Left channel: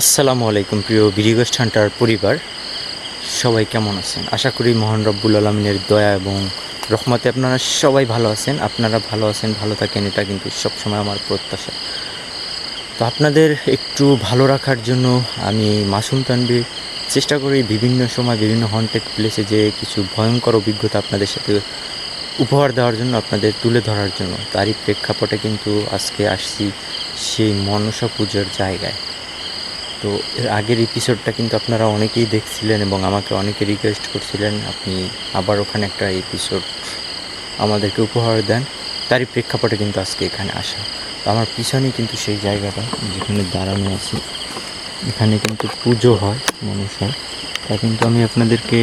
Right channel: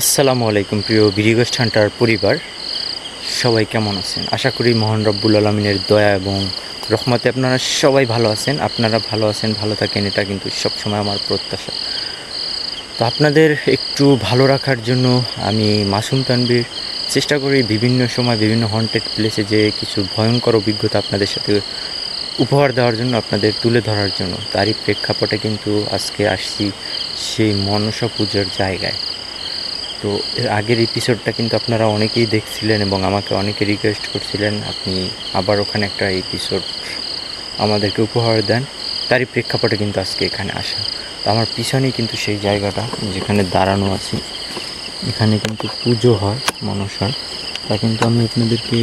আসসালামু আলাইকুম প্রিয় বিডিগোস্ট হান্টার পরিবার, সবাই কেমন আছেন? আশা করি মহান রব্বুল আলমিনের দয়া এবং রহমতে আপনারা সবাই ভালো আছেন। আপনারা ভালো আছেন, ভালো থাকেন, এটা কিন্তু সবসময় আমার প্রত্যাশা। তো আপনাদের একটু ভালো রাখার জন্য আমি মাসুম তানভীর চেষ্টা করি বিভিন্ন সময় বিভিন্ন হন্টেড প্লেসে যে কিছু ভয়ঙ্কর অভিজ্ঞতা আপনাদের সাথে উপহার দেওয়ার জন্য, আপনাদের তুলে ধরার জন্য। তারই প্রেক্ষাপটে কিন্তু আজকে আসছি সেই মনসা পুজোর জায়গায়। তো এর আগের এপিসোডটা কিন্তু আপনারা অনেকেই দেখছিলেন এবং আমাকে অনেকে রিকোয়েস্ট করছিলেন আপনি আবার ওখানে একটা এপিসোড আমাদেরকে উপহার দেন। তারই প্রেক্ষাপটে কিন্তু আজকে এখানে আসা। তো আমার পিছনেই কিন্তু সেই জায়গাটা যেখানে দাঁড়ানো আছে, এখানে কিন্তু পুজো হয় মনসার। তা কিন্তু আমি আপনাদেরকে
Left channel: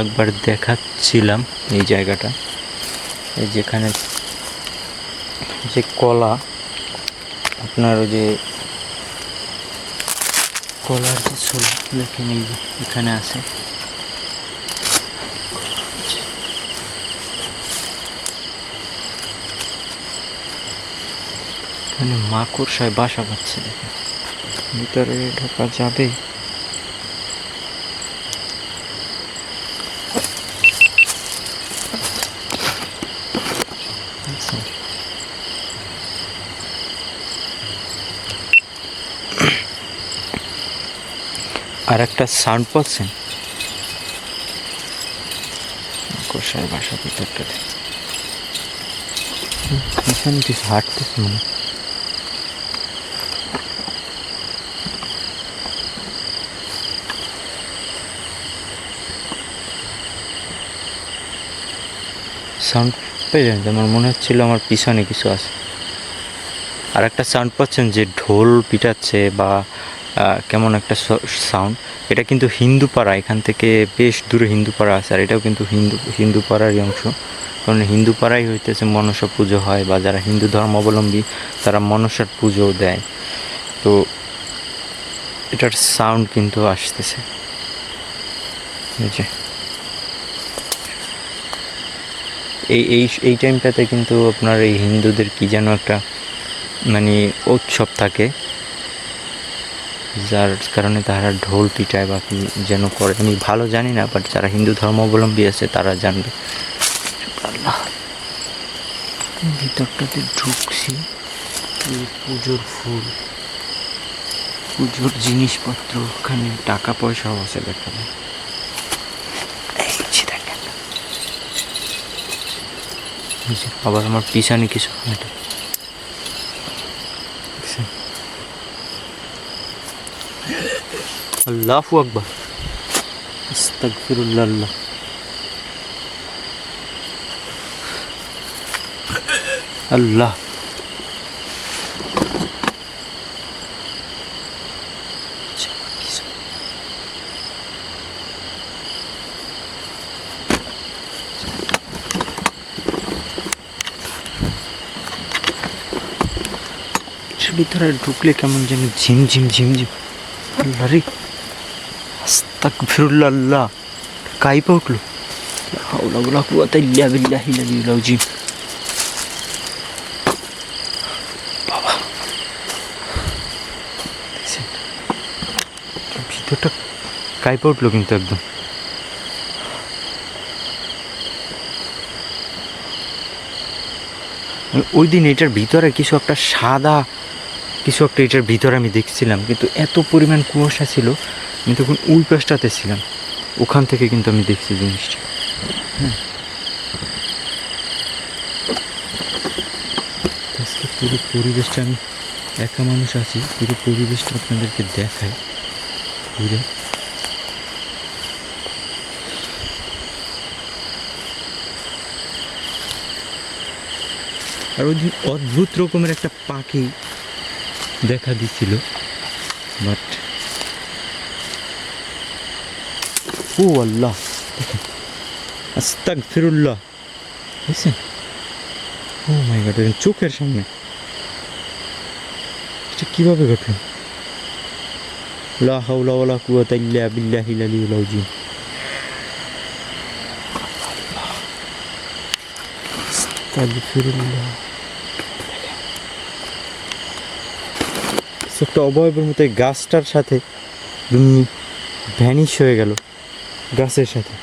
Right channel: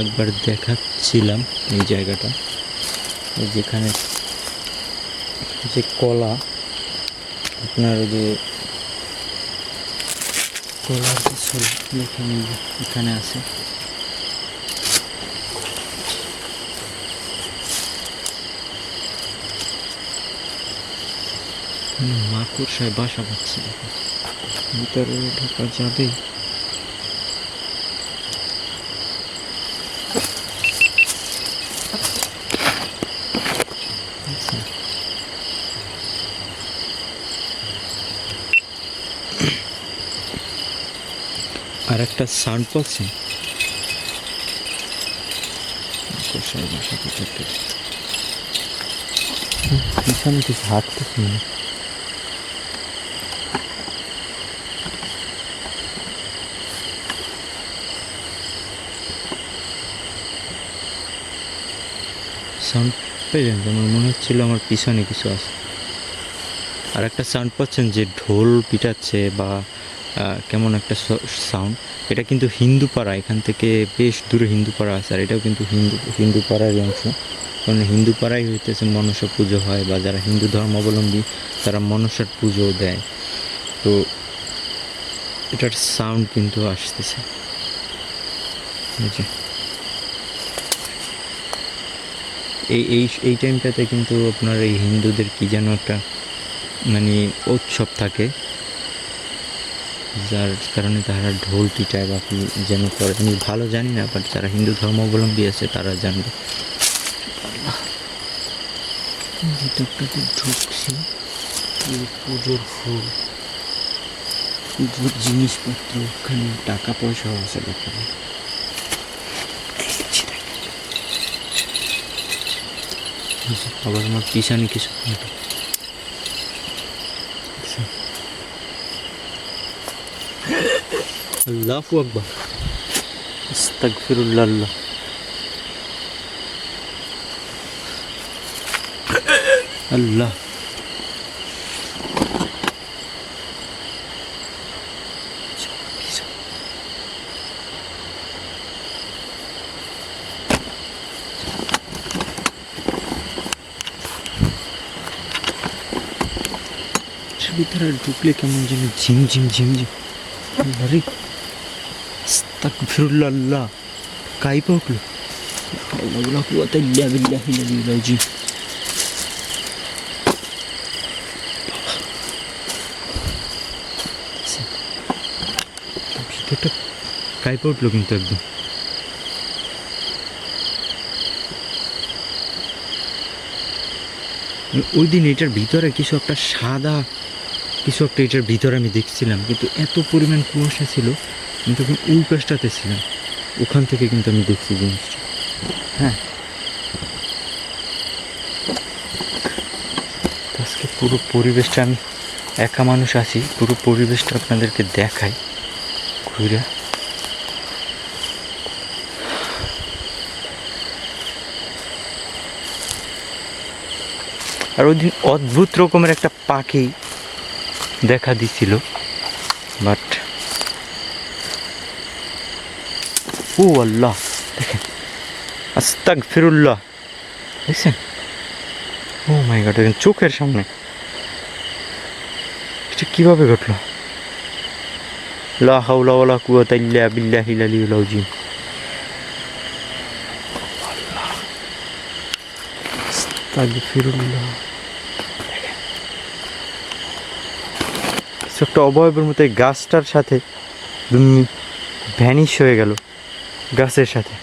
একবার দেখাচ্ছিলাম এই জায়গাটা, এই যেখানে যে কলা, আপনার ওই যে কলার যে ছোল দেখেন এই যে এখানে আছে। এখানে মাকড়সায় বাসা বাঁধছে, দেখেন ভিতরে ঢোকা যাবে? আর একটা সাউন্ড পাচ্ছেন, মাকড়সায় বাসা ভিতরটা পিছনে কিছু হাঁটতেছে মানে। সাউন্ড পেয়ে যান, আমার মনে হচ্ছিল আমার পিছনে কিছু আছে। আর একটা সাউন্ড পাচ্ছেন যে ঢোল পিটাচ্ছে বা কেমন একটা সাউন্ড, এটা কিন্তু হিন্দুপাড়া, এখান থেকে বেশ দূরে হিন্দুপাড়া আছে। আর এটাও কিন্তু হিন্দুপাড়ারই অংশ, কারণ হিন্দুপাড়াই হইতেছে মনসা পুজো হয়, বা যারা হিন্দু ধর্মাবলম্বী তারা মনসার পুজো দেয়। তো এটার সাউন্ড কিন্তু আসতেছে এই এই এই টাইমটাতে কিন্তু আপনার এই হিন্দুদের কি যেন একটা মানে উৎসব থাকে, যার কারণে তারা ঢোল পিটায় বা কি যেন করে, আমি ভালো জানি না, বাট যারা হিন্দু ধর্মাবলম্বী আছে তারা জানবে। ভিতরটাতে ঢুকছি, পুজোর ফুল, পুজোর জিনিসপত্র, ওখানে টাকা পয়সাও আছে দেখা যায়। আবার আমার পিছনে কিছু হাঁটে, আল্লাহু আকবার, আস্তাগফিরুল্লাহ, আল্লাহ। ভিতরে ঢুকলে কেমন যেন ঝিমঝিম ঝিমঝিম, আল্লাহ রে, আস্তাগফিরুল্লাহ, আল্লাহ কাইপা উঠলো, লা হাওলা ওয়ালা কুওয়াতা ইল্লা বিল্লাহিল আলিয়্যিল আযীম। ভিতরটা কাইপা উঠলো কিন্তু একদম। ওই দিন এটার ভিতরে কিছু একটা সাদা কিছু একটা এটার ভিতরে আমি দেখছিলাম, কিন্তু এত পরিমাণ কুয়াশা ছিল, আমি তখন ওই পাশটাতে ছিলাম, ওখান থেকে কিন্তু আমি দেখছি জিনিসটা। হ্যাঁ, আজকে পুরো পরিবেশটা, আমি একা মানুষ আছি, পুরো পরিবেশটা আপনাদেরকে দেখাই ঘুরে। আর ওই দিন অদ্ভুত রকমের একটা পাখি দেখা দিচ্ছিল, বাট ও আল্লাহ, দেখেন আস্তাগফিরুল্লাহ, দেখছেন? ও মাই গড, দেখেন চোখের সামনে, এটা কিভাবে ঘটলো? লা হাওলা ওয়ালা কুওয়াতা ইল্লা বিল্লাহিল আলিয়্যিল আযীম। আল্লাহ, আস্তাগফিরুল্লাহ। কিছু একটা অবয়বের মতো এই গাছটার সাথে ভ্যানিশ হয়ে গেল গাছের সাথে।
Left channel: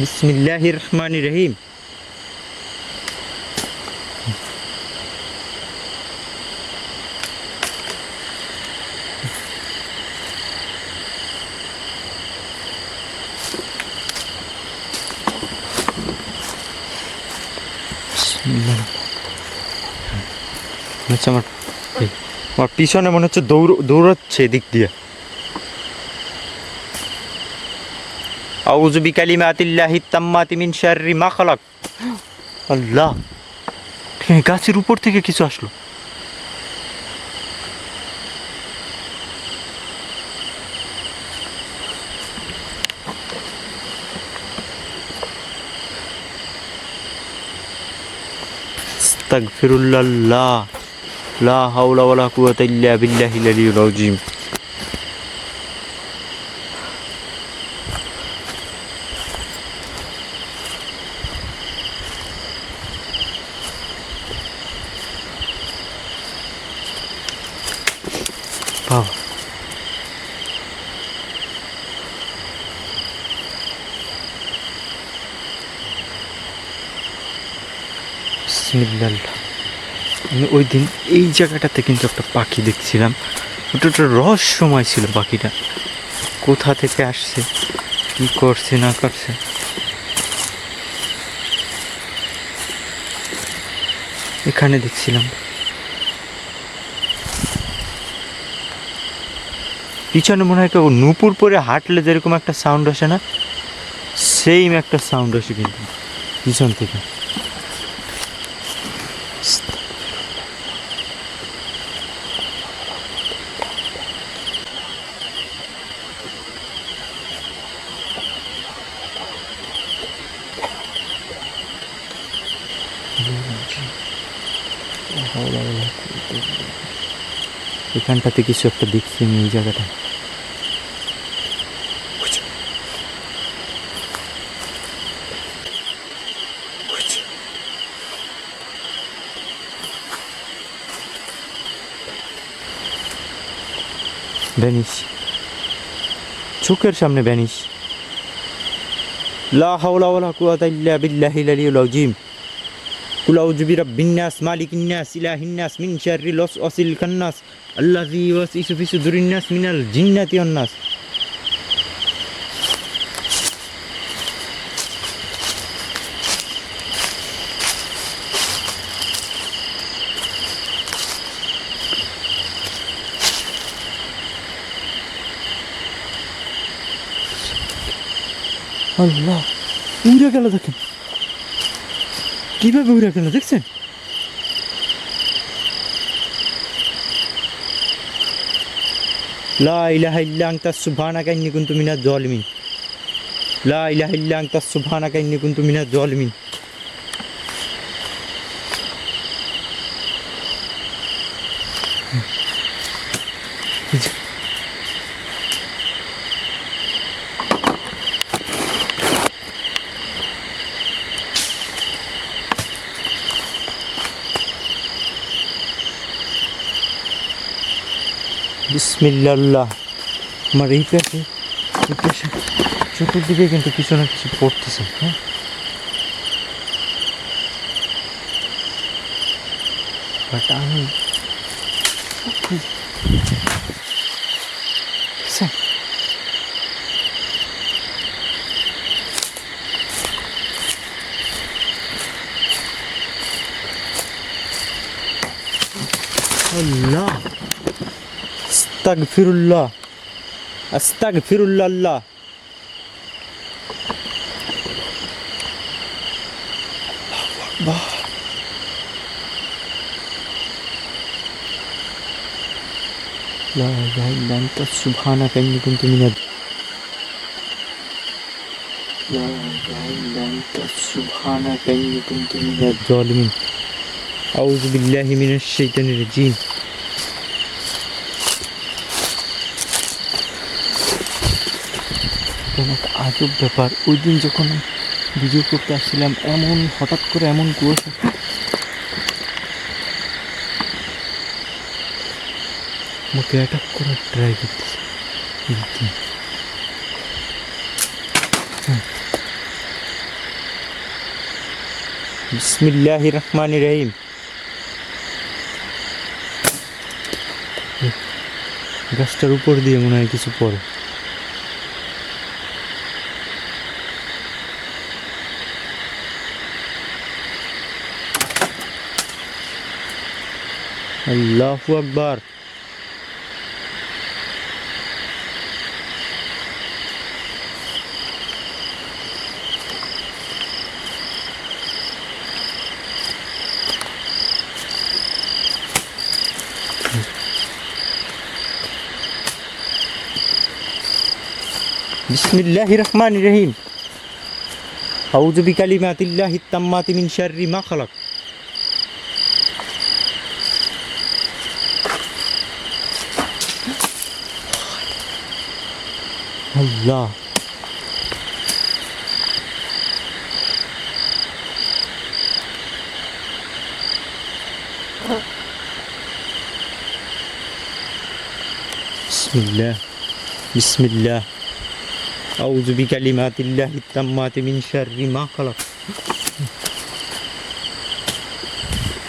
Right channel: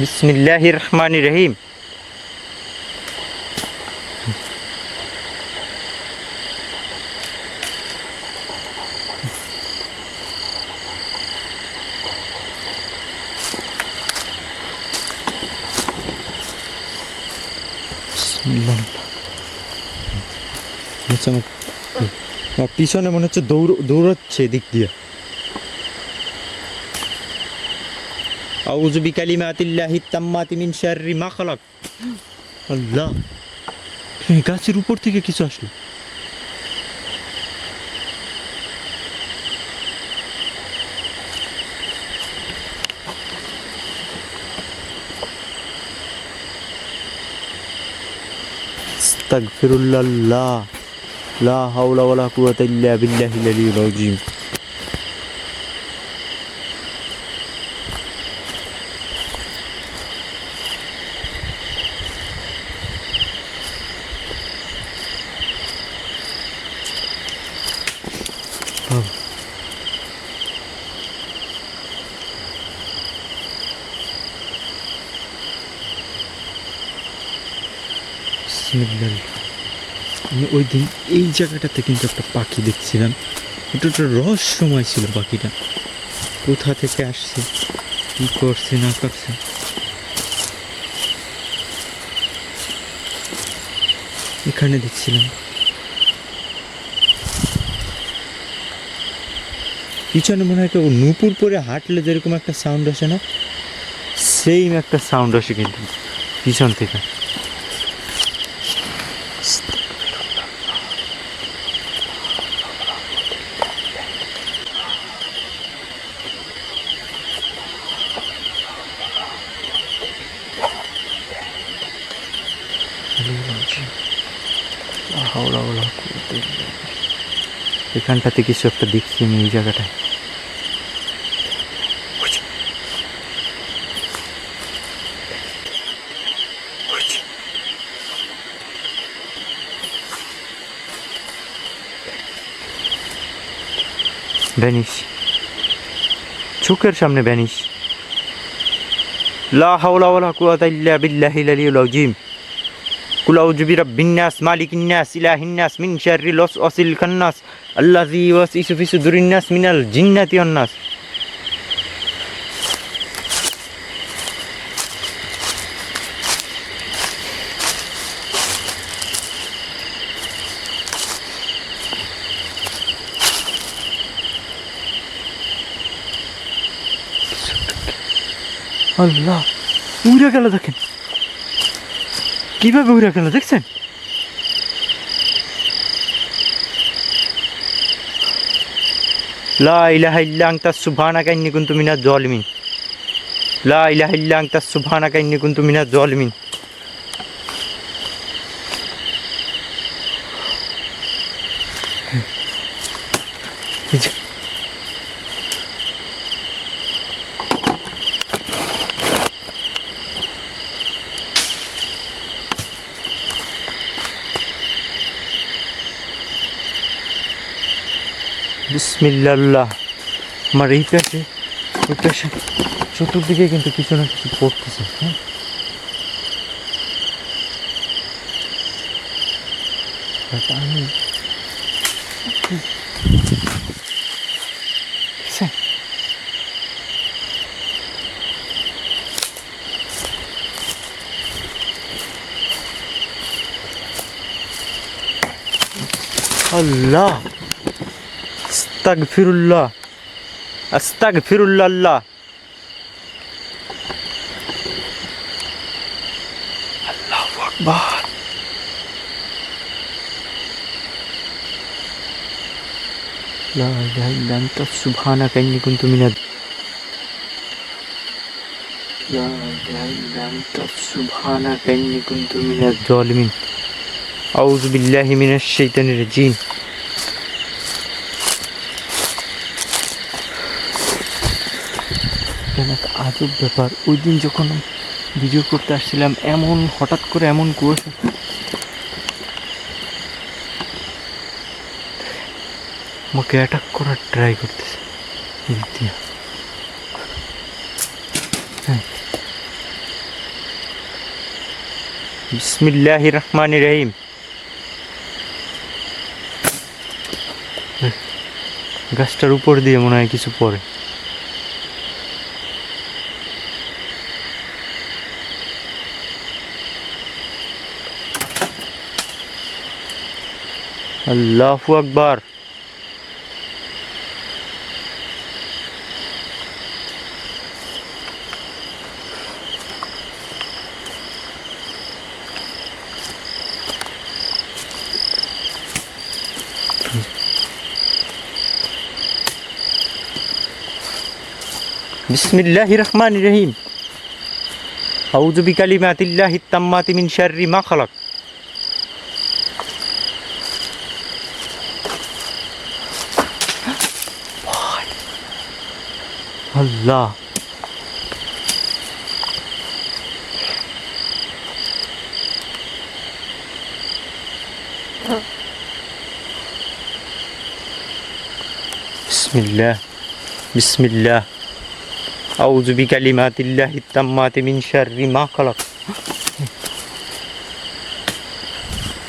বিসমিল্লাহির রহমানির রহিম। আমার পিছনে মনে হচ্ছে দৌড়াচ্ছে এদিক দিয়ে। আউযু বিকালিমাতিল্লাহিত তাম্মাতি মিন শাররি মা খালাক। আল্লাহ, গাছের উপর থেকে কিছু আসলো। আস্তাগফিরুল্লাহ, লা হাওলা ওয়ালা কুওয়াতা ইল্লা বিল্লাহিল আলিয়্যিল আযীম। বাবা, বিসমিল্লাহ। আমি ওই দিন এই জায়গাটাতে কিন্তু একটা পাখি দেখছিলাম, ওটা একটা রহস্যময় ছিল। পাখিটা কোথা থেকে আসছে, কি করছে না করছে, এখানে দেখছিলাম। পিছনে মনে হয় কেউ নূপুর পরে হাঁটলে যেরকম একটা সাউন্ড আসে না, সেইম একটা সাউন্ড আসে কিন্তু পিছন থেকে। এখানটাতে কিছু একটা দেখছি আমি এই জায়গাটায়। ভ্যানিশ, চোখের সামনে ভ্যানিশ। লা হাওলা ওয়ালা কুওয়াতা ইল্লা বিল্লাহিল আলিয়্যিল আযীম। কুল আউযু বিরাব্বিন নাস মালিকিন নাস ইলাহিন নাস মিন শাররিল ওয়াসওয়াসিল খান্নাস আল্লাযী ইউওয়াসওয়িসু ফি সুদুরিন নাস মিনাল জিন্নাতি ওয়ান নাস। আল্লাহ, উড়ে গেল, দেখেন কিভাবে উড়ে গেল, দেখছেন? লা ইলাহা ইল্লা আনতা সুবহানাকা ইন্নী কুনতু মিনাজ জালিমিন। লা ইলাহা ইল্লা আনতা সুবহানাকা ইন্নী কুনতু মিনাজ জালিমিন। বিসমিল্লাহ। আমার এই পাশে চতুর্দিকে কিন্তু কিছু না কিছু পড়তেছে। হ্যাঁ, বাট আমি দেখছেন আল্লাহ, আস্তাগফিরুল্লাহ, আস্তাগফিরুল্লাহ। আল্লাহু আকবার। লা ইলাহা ইল্লা আনতা সুবহানাকা ইন্নী কুনতু মিনাজ জালিমিন। আউযু বিল্লাহি মিনাশ শাইতানির রাজিম। একটা আজব ব্যাপার, ওই দিন যখন ভিডিও করতে আসছিলাম, এমন হঠাৎ করে এমন কুয়াশা আমাকে অ্যাটাক করার ট্রাই করতেছে। বিসমিল্লাহির রহমানির রহিম। গাছটার উপর দিয়ে মনে হয় কিছু পড়ে। আল্লাহু আকবার। বিসমিল্লাহির রহমানির রহিম। আউযু বিকালিমাতিল্লাহিত তাম্মাতি মিন শাররি মা খালাক। আল্লাহ, বিসমিল্লাহ বিসমিল্লাহ। আউযু বিকালিমাতিল্লাহিত তাম্মাতি মিন শাররি মা খালাক।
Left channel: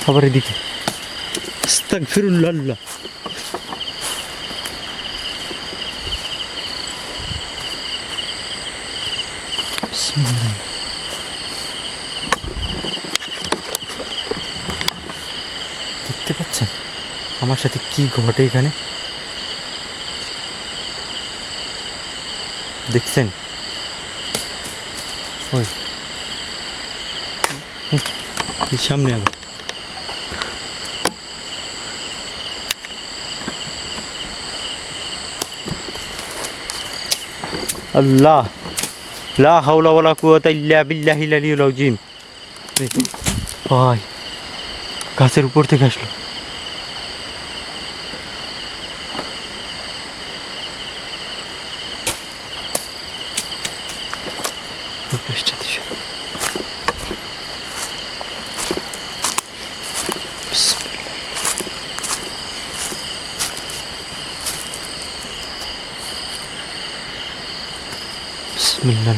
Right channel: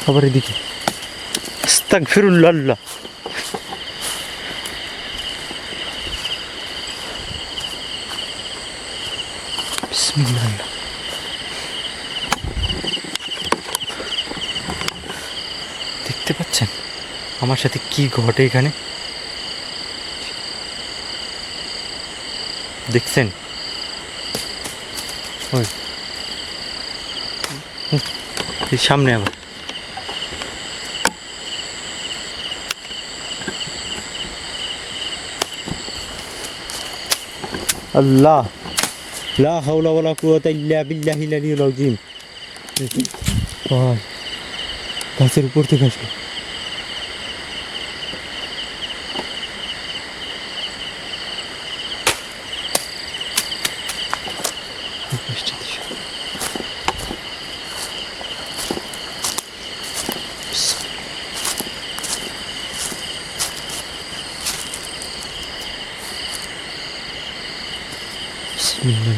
আবার এদিকে আস্তাগফিরুল্লাহ। বিসমিল্লাহ। দেখতে পাচ্ছেন আমার সাথে কি ঘটে এখানে? দেখছেন? ওই সামনে আবার আল্লাহ, লা হাওলা ওয়ালা কুওয়াতা ইল্লা বিল্লাহিল আলিয়্যিল আযীম। ভাই গাছের উপর থেকে আসলো। বিসমিল্লাহ।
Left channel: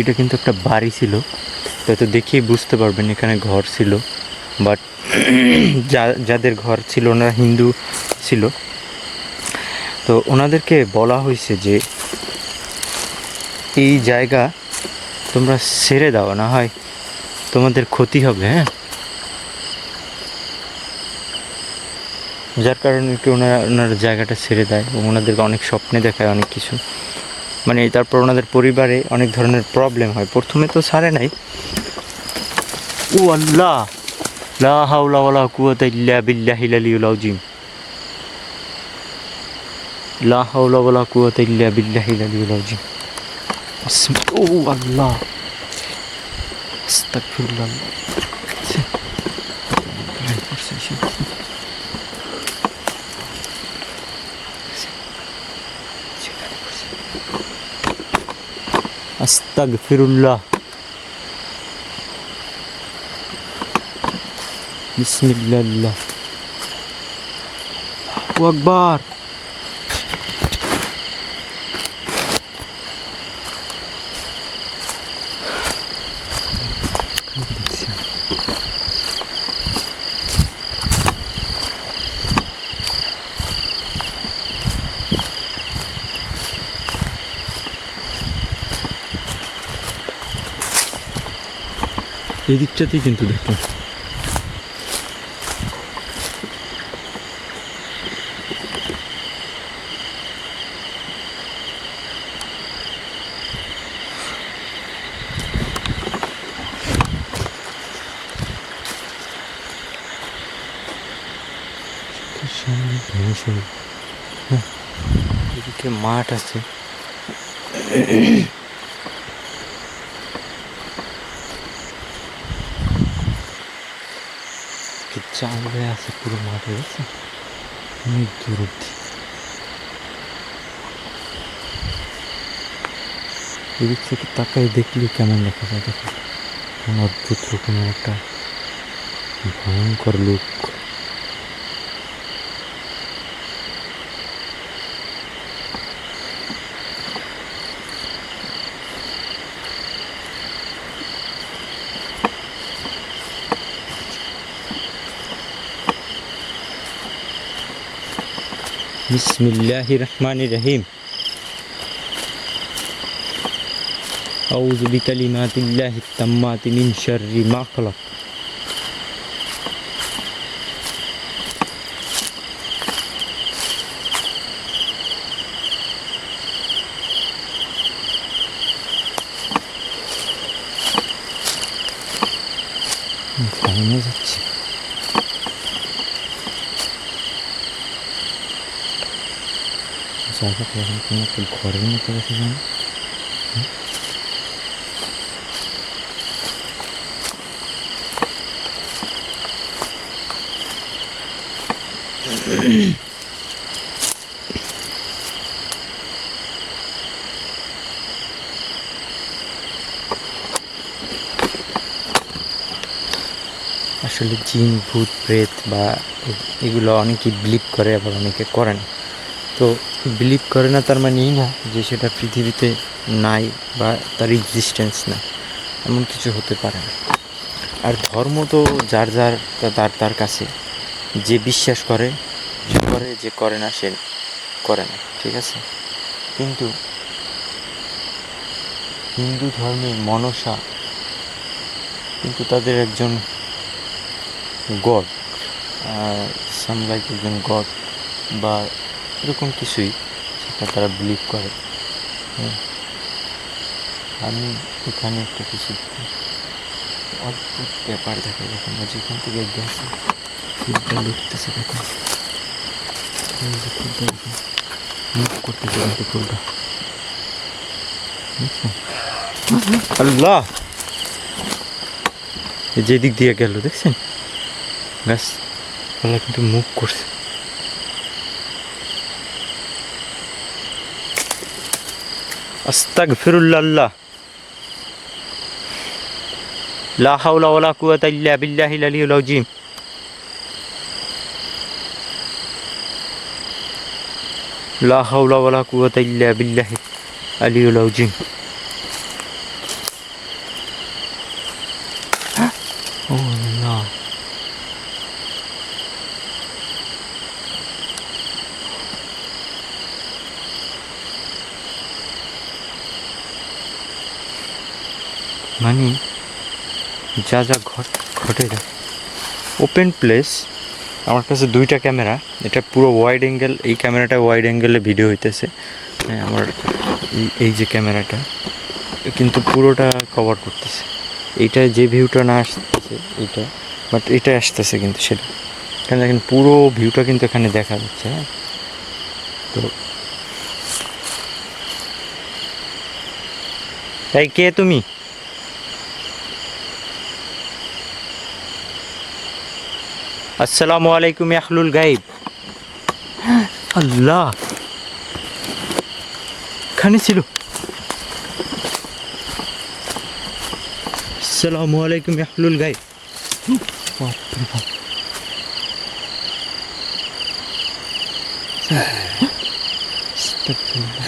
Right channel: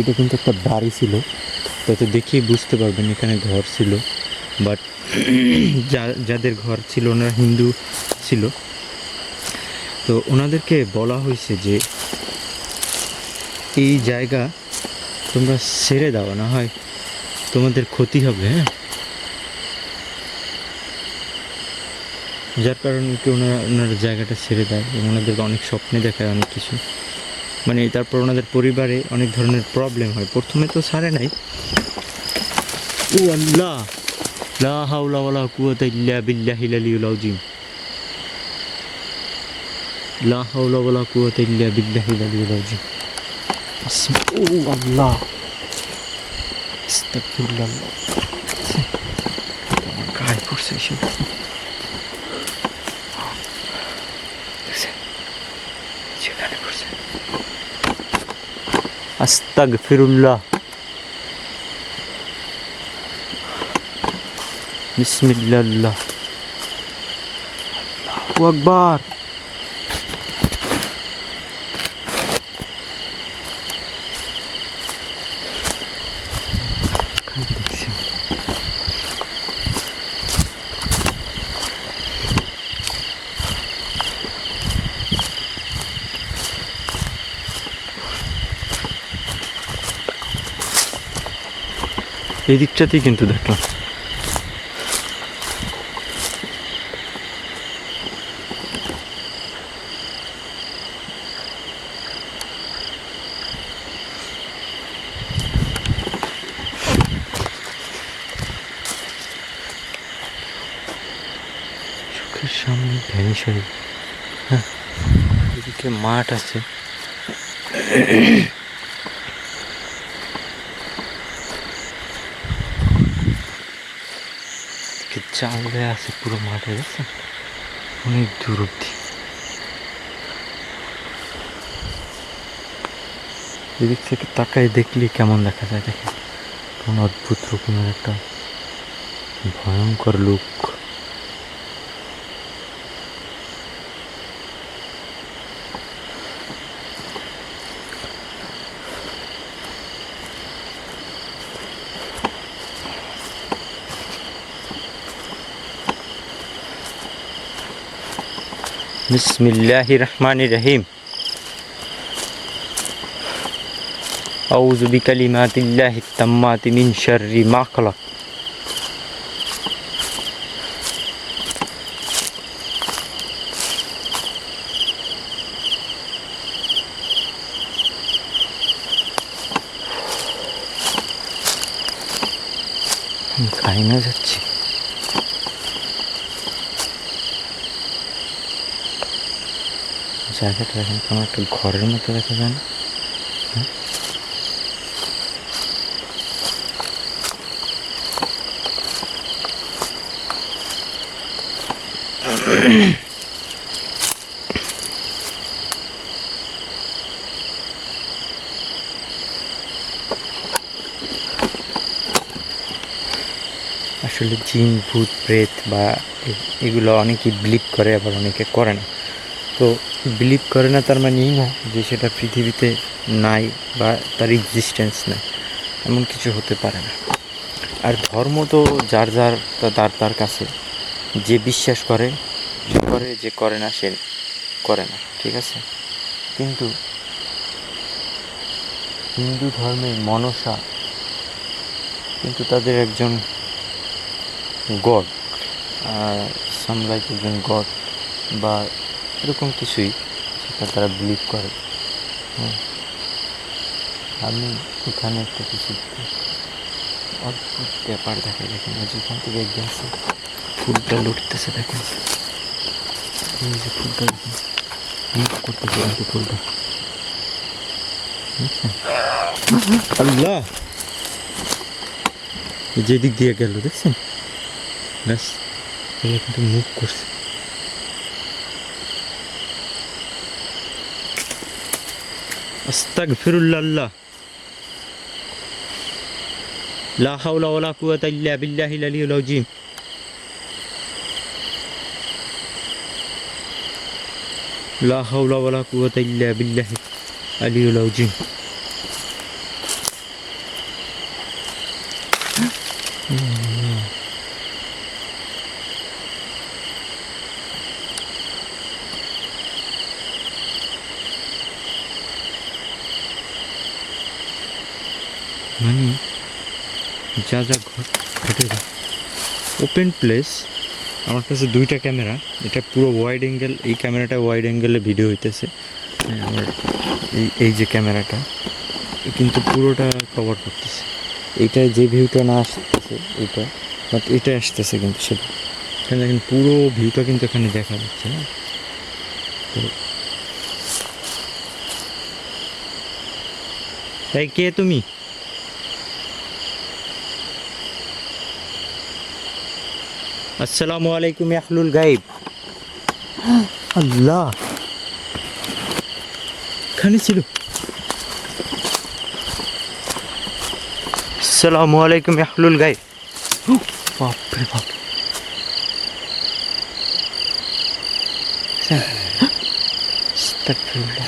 এটা কিন্তু একটা বাড়ি ছিল, তো দেখেই বুঝতে পারবেন এখানে ঘর ছিল। বাট যাদের ঘর ছিল না হিন্দু ছিল, তো ওনাদেরকে বলা হয়েছে যে এই জায়গা তোমরা ছেড়ে দাও, না হয় তোমাদের ক্ষতি হবে। হ্যাঁ, যার কারণে একটু ওনারা জায়গাটা ছেড়ে দেয় এবং ওনাদেরকে অনেক স্বপ্নে দেখায় অনেক কিছু। মানে তারপর ওনাদের পরিবারে অনেক ধরনের প্রবলেম হয়। প্রথমে তো ছাড়ে নাই। ও আল্লাহ, লা হাওলা ওয়ালা কুওয়াতা ইল্লা বিল্লাহিল আলিয়্যিল আযীম। লা হাওলা ওয়ালা কুওয়াতা ইল্লা বিল্লাহিল আলিয়্যিল আযীম। ও আল্লাহ, আস্তাগফিরুল্লাহ। গায়ে পড়ছে এসব। আস্তাগফিরুল্লাহ। বিসমিল্লাহ। আল্লাহু আকবার। এই দিকটাতেই কিন্তু দেখলাম। সামনে ভেঙে, হ্যাঁ, এদিকে মাঠ আছে। চাউলে আছে পুরো মাঠে, অনেক দূর অব্দি। এদিক থেকে তাকায় দেখলে কেমন দেখা যায় দেখেন, কেমন অদ্ভুত রকমের একটা ভয়ঙ্কর লুক। বিসমিল্লাহির রহমানির রহিম। আউযু বিকালিমাতিল্লাহিত তাম্মাতি মিন শাররি মা খালাক। খাই না যাচ্ছে। জায়গাটা এখন কোনো একটা ঘরের মতো দেখা যায় না? আসলে জিন ভূত প্রেত বা এগুলো অনেকেই বিলিভ করে, আবার অনেকে করে না। তো বিলিভ করে না তার মানে এই না যে সেটা পৃথিবীতে নাই বা তার এক্সিস্টেন্স নাই, এমন কিছু হতে পারে না। আর ধর্ম তো যার যার তার তার কাছে, যে বিশ্বাস করে সে করে, যে করে না সে করে না, ঠিক আছে। কিন্তু হিন্দু ধর্মে মনসা কিন্তু তাদের একজন গড, সামলাইক একজন গড বা এরকম কিছুই, সেটা তারা বিলিভ করে। হ্যাঁ, আমি এখানে একটা কিছু অদ্ভুত ব্যাপার দেখাই দেখেন, যেখান থেকে গ্যাসে ফুলটা লুটতেছে দেখেন, এই যে ফুলটা মুভ করতেছে কিন্তু ফুলটা, আল্লাহ যেদিক দিয়ে গেল দেখছেন, ব্যাস ওরা কিন্তু মুভ করছে। আস্তাগফিরুল্লাহ, লা হাওলা ওয়ালা কুওয়াতা ইল্লা বিল্লাহিল আলিয়্যিল আযীম। লা হাওলা ওয়ালা কুওয়াতা ইল্লা বিল্লাহিল আলিয়্যিল আযীম। ও না, মানে যা যা ঘটে ওপেন প্লেস। আমার কাছে দুইটা ক্যামেরা, এটা পুরো ওয়াইড অ্যাঙ্গেল, এই ক্যামেরাটা ওয়াইড অ্যাঙ্গেলে ভিডিও হইতেছে। হ্যাঁ, আমার এই যে ক্যামেরাটা কিন্তু পুরোটা কভার করতেছে। এইটা যে ভিউটা না আসতেছে এইটা, বাট এটা আসতেছে কিন্তু সেটা, এখানে দেখেন পুরো ভিউটা কিন্তু এখানে দেখা যাচ্ছে। হ্যাঁ, তো তাই কে তুমি? আসসালামু আলাইকুম আহলুল গাইব। আল্লাহ, এখানে ছিল। আসসালামু আলাইকুম আহলুল গাইব। বাপ রে বাপ, আস্তাগফিরুল্লাহ।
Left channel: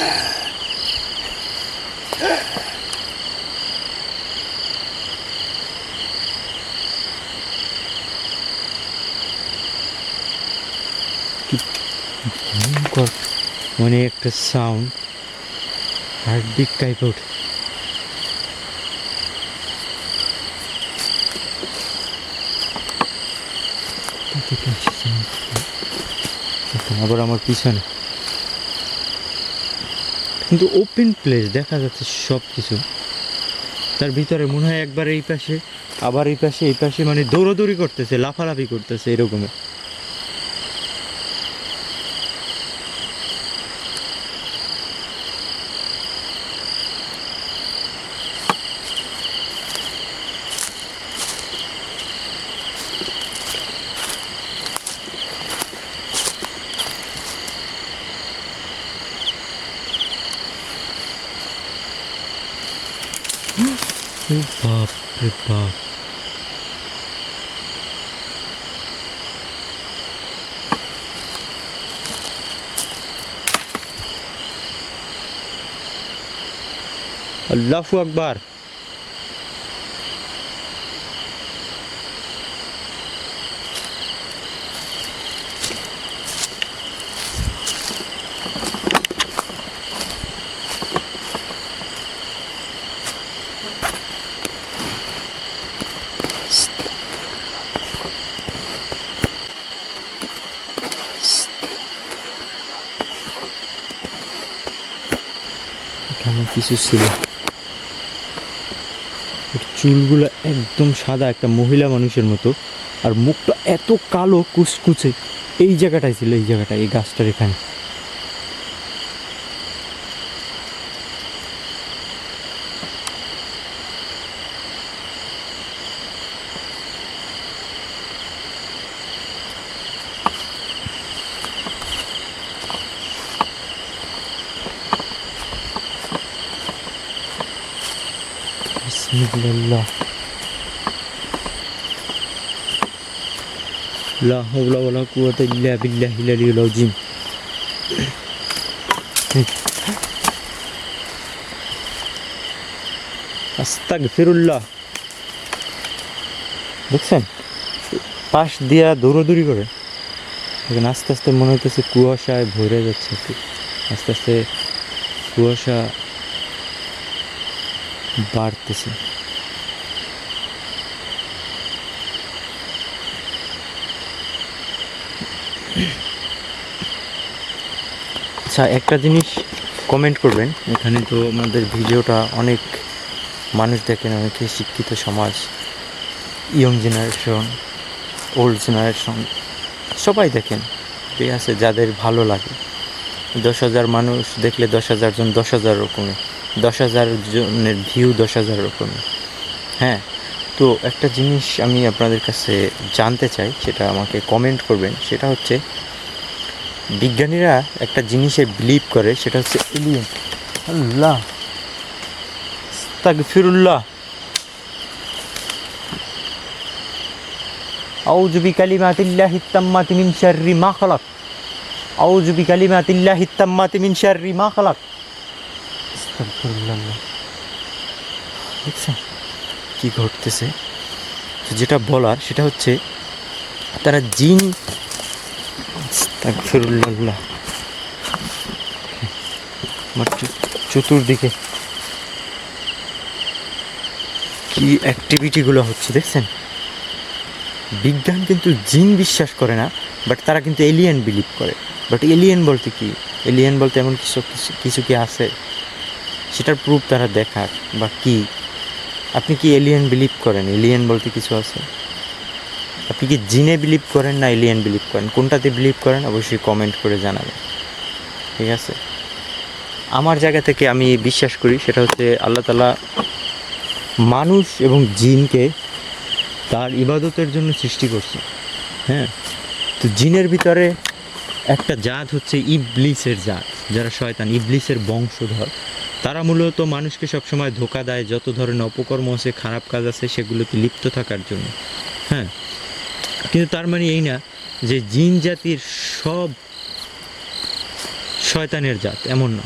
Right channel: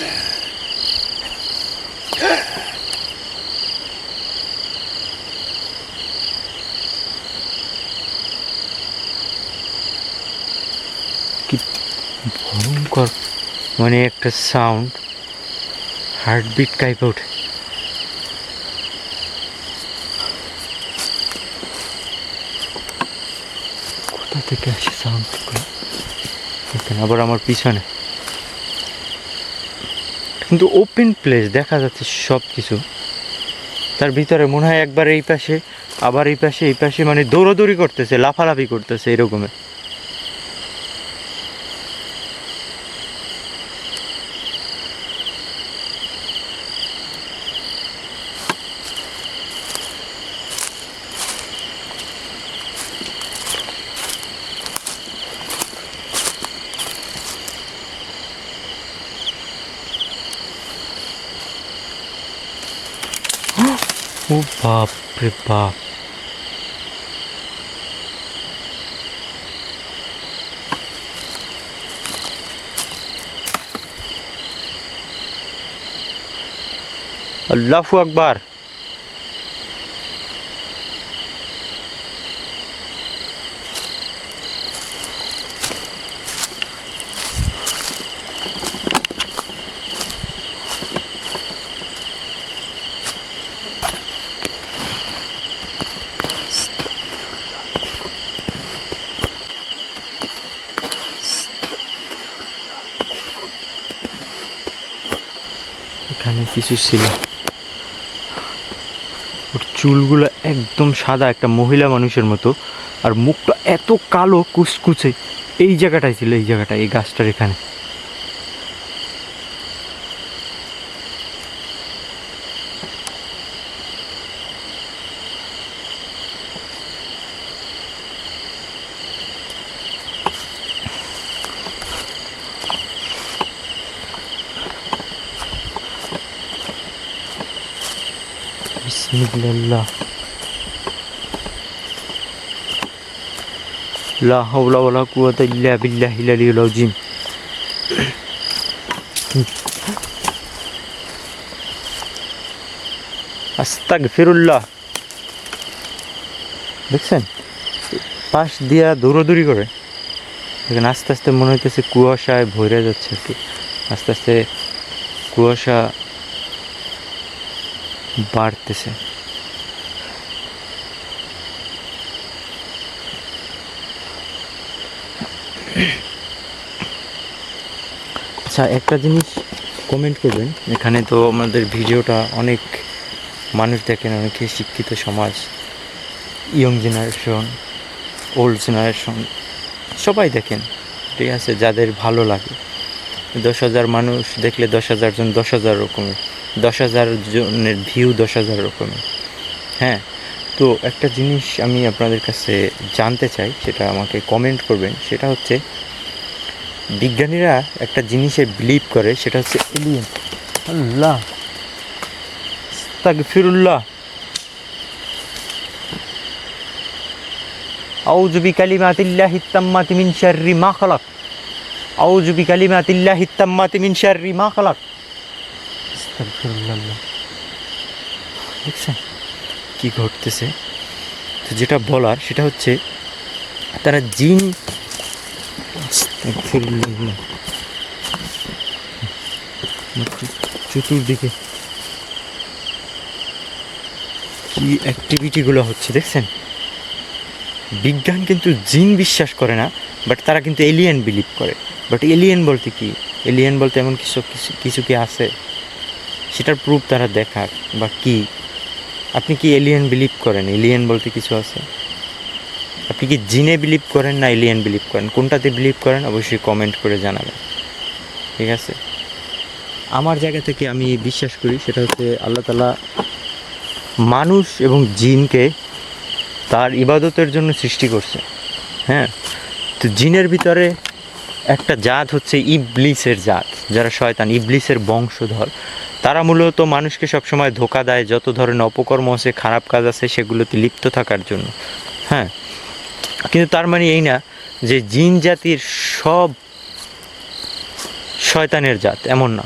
কি ভয়ঙ্কর, মানে একটা সাউন্ড, হার্টবিট কাইপে ওঠে। কোথা থেকে আসে সাউন্ড? এখানে আবার আমার পিছনে, কিন্তু ওপেন প্লেস দেখা যাচ্ছে সব কিছু। তার ভিতরে মনে হয় একবার এই পাশে, আবার এই পাশে, এই পাশে, মানে দৌড়াদৌড়ি করতেছে, লাফালাফি করতেছে এরকমের। ও বাপ রে বাপ, আল্লাহু আকবার। এখানে কিছু ছিল, ওর চুলগুলো একদম সাদা, একটা মহিলা মানুষের মতো, আর মুখটা এত কালো কুচকুচে। এই জায়গাটায় ছিল, এই জায়গাটায়, এই গাছটার এখানে। বিসমিল্লাহ, লা হাওলা ওয়ালা কুওয়াতা ইল্লা বিল্লাহিল আলিয়্যিল আযীম। আস্তাগফিরুল্লাহ। দেখছেন পাশ দিয়া দৌড়াদৌড়ি করে, এখানে আস্তে আস্তে মনে হইতেছে কুয়াশায় ভরে যাচ্ছে আর কি, আস্তে আস্তে কুয়াশা বাড়তেছে। আচ্ছা, একটা জিনিস কমেন্ট করবেন, এখানে তো আমাদের ভিডিওটা অনেক মানুষ দেখেন, অনেকে শিক্ষিত সমাজ, ইয়ং জেনারেশন, ওল্ড জেনারেশন, সবাই দেখেন, ঠিক আছে, যাদের ভালো লাগে। 10,000 মানুষ দেখলে 10,000 জন 10,000 রকমের, 10,000 জনের ভিউ 10,000 রকমের। হ্যাঁ, তো একটা জিনিস আমি আপনাদের কাছে জানতে চাই, সেটা আমাকে কমেন্ট করবেন। সেটা হচ্ছে, বিজ্ঞানীরা একটা জিনিসে বিলিভ করে, সেটা হচ্ছে এলিয়েন। আল্লাহ, আস্তাগফিরুল্লাহ। আউযু বিকালিমাতিল্লাহিত তাম্মাতি মিন শাররি মা খালাক। আউযু বিকালিমাতিল্লাহিত তাম্মাতি মিন শাররি মা খালাক। আস্তাগফিরুল্লাহ। দেখছেন কি ঘটতেছে? তো যেটা বলার সেটা হচ্ছে, তারা জিন, আস্তাগফিরুল্লাহ, চতুর্দিকে কি অ্যাক্টিভিটিগুলো হচ্ছে দেখছেন। বিজ্ঞান কিন্তু জিন বিশ্বাস করে না, বাট তারা কিন্তু এলিয়েন বিলিভ করে। বাট এলিয়েন বলতে কি, এলিয়েন বলতে এমন কিছু কিছু কি আছে, সেটার প্রুফ তারা দেখাক বা কি। আপনি কি এলিয়েন বিলিভ করেন? এলিয়েন বলতে কিছু আছে? আপনি কি জিনে বিলিভ করেন না এলিয়েন বিলিভ করেন? কোনটাতে বিলিভ করেন অবশ্যই কমেন্ট করে জানাবেন, ঠিক আছে? আমার জায়গা থেকে আমি বিশ্বাস করি, সেটা হচ্ছে আল্লাহ তাআলা মানুষ এবং জিনকে তার ইবাদতের জন্য সৃষ্টি করছে। হ্যাঁ, তো জিনের ভিতরে একটা জাত হচ্ছে ইবলিসের জাত, যারা শয়তান, ইবলিসের বংশধর। তারা মূলত মানুষকে সবসময় ধোঁকা দেয়, যত ধরনের অপকর্ম আছে, খারাপ কাজ আছে, সেগুলোতে লিপ্ত থাকার জন্য। হ্যাঁ, কিন্তু তার মানে এই না যে জিন জাতির সব শয়তানের জাত, এমন না।